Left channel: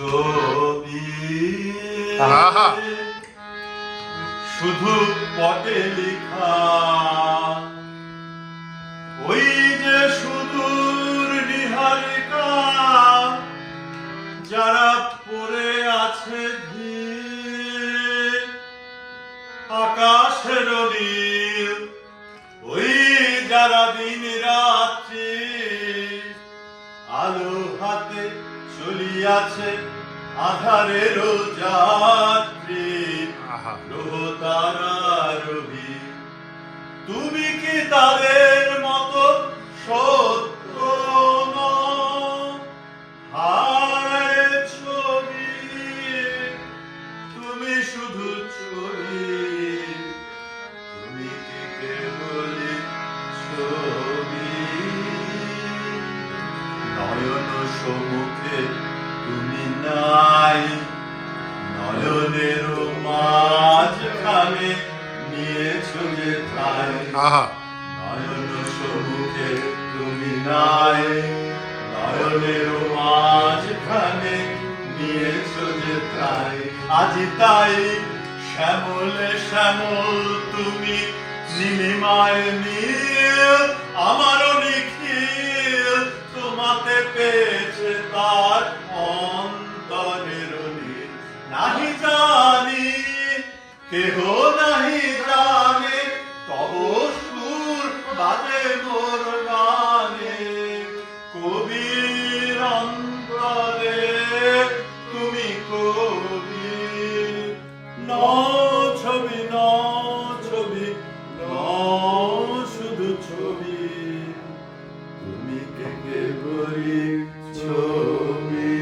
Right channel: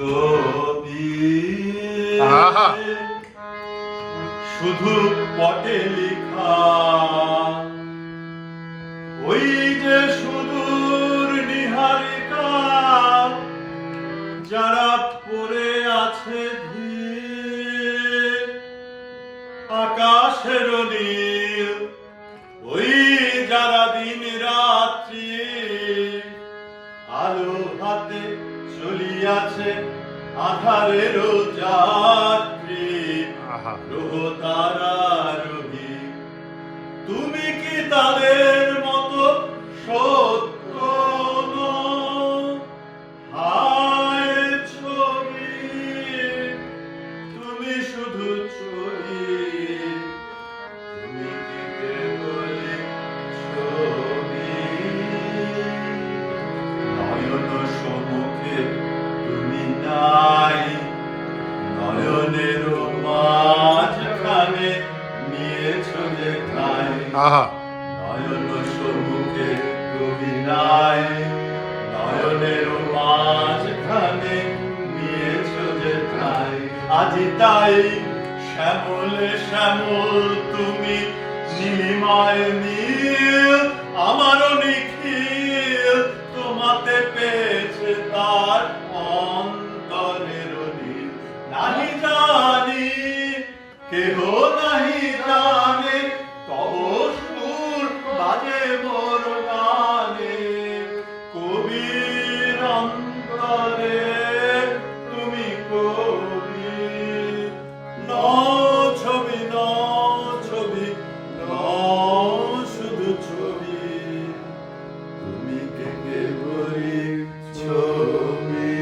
ছবি শুধু পটে লেখা, ওই যে সুদূর নিহারিকা যারা পড়ে আছে ধীরে, আকাশের নীল ওই যারা দিন রাত্রি আলো হাতে চলিয়াছে আধারের যাত্রী, গ্রহ তারা রবি, তুমি কি তাদের মতো সত্য নও? হায় ছবি, তুমি শুধু ছবি, তুমি কি কেবলই ছবি? নয়ন সম্মুখে তুমি নাই, নয়নের মাঝখানে নিয়েছো যে ঠাই। নয়ন সম্মুখে তুমি নাই, নয়নের মাঝখানে নিয়েছো যে ঠাই। আজ তাই শ্যামল শ্যামল তুমি নীলিমায় নীল, আমারও নিখিল তোমাতে পেয়েছে তার অন্তরের নীল। নাহি জানি কেহ নাহি জানে, তব সুর বাজে মোর গানে। কবির অন্তরে তুমি কবি, নও ছবি নও ছবি নও শুধু ছবি, তুমি কে কেবলই ছবি।